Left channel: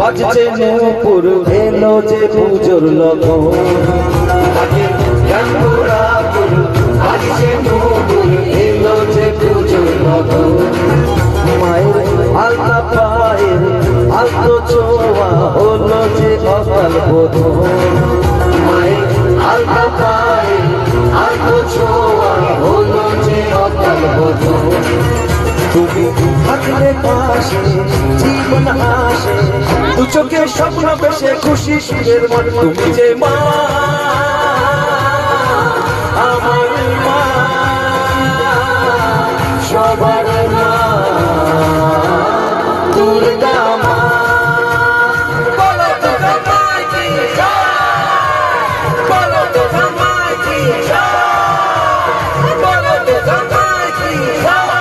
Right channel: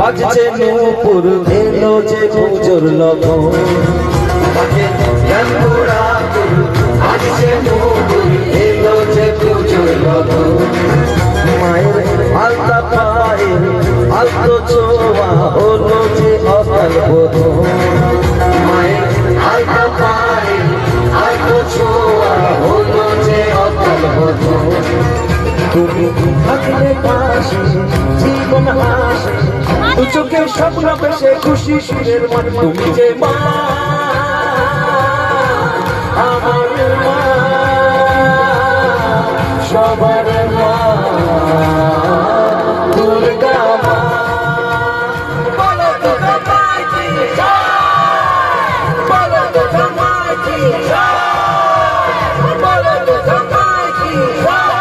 বাজছে নূপুর এলো যে পুজোর লগন বাজে গানপুরা বাজছে নূপুর এলো যে পুজোর লগন মায়ের আলতা পায়ের আলতো ছোঁয়া হলো যে অকাল বোধন মায়ের আলতা পায়ের আলতো ছোঁয়া হলো যে অকাল বোধন তুমি থাকলে পাশে জীবন আসে দু চোখের স্বপ্ন বসে খুশি সুরের মন তুমি যে মা আমার মা সবার মা দুর্গা মা বলো দুর্গা মায়ের কি জয় বলো দুর্গা মায়ের কি জয় বলো দুর্গা মায়ের কি জয়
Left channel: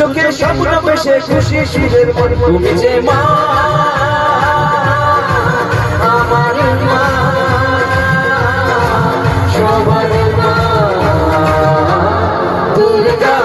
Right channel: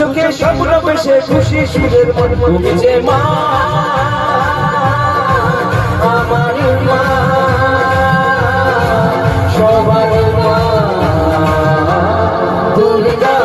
চোখের স্বপ্ন বেশে খুশি সুরের মন তুমি যে মা আমার মা সবার মা দুর্গা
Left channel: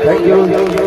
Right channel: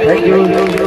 Thank you.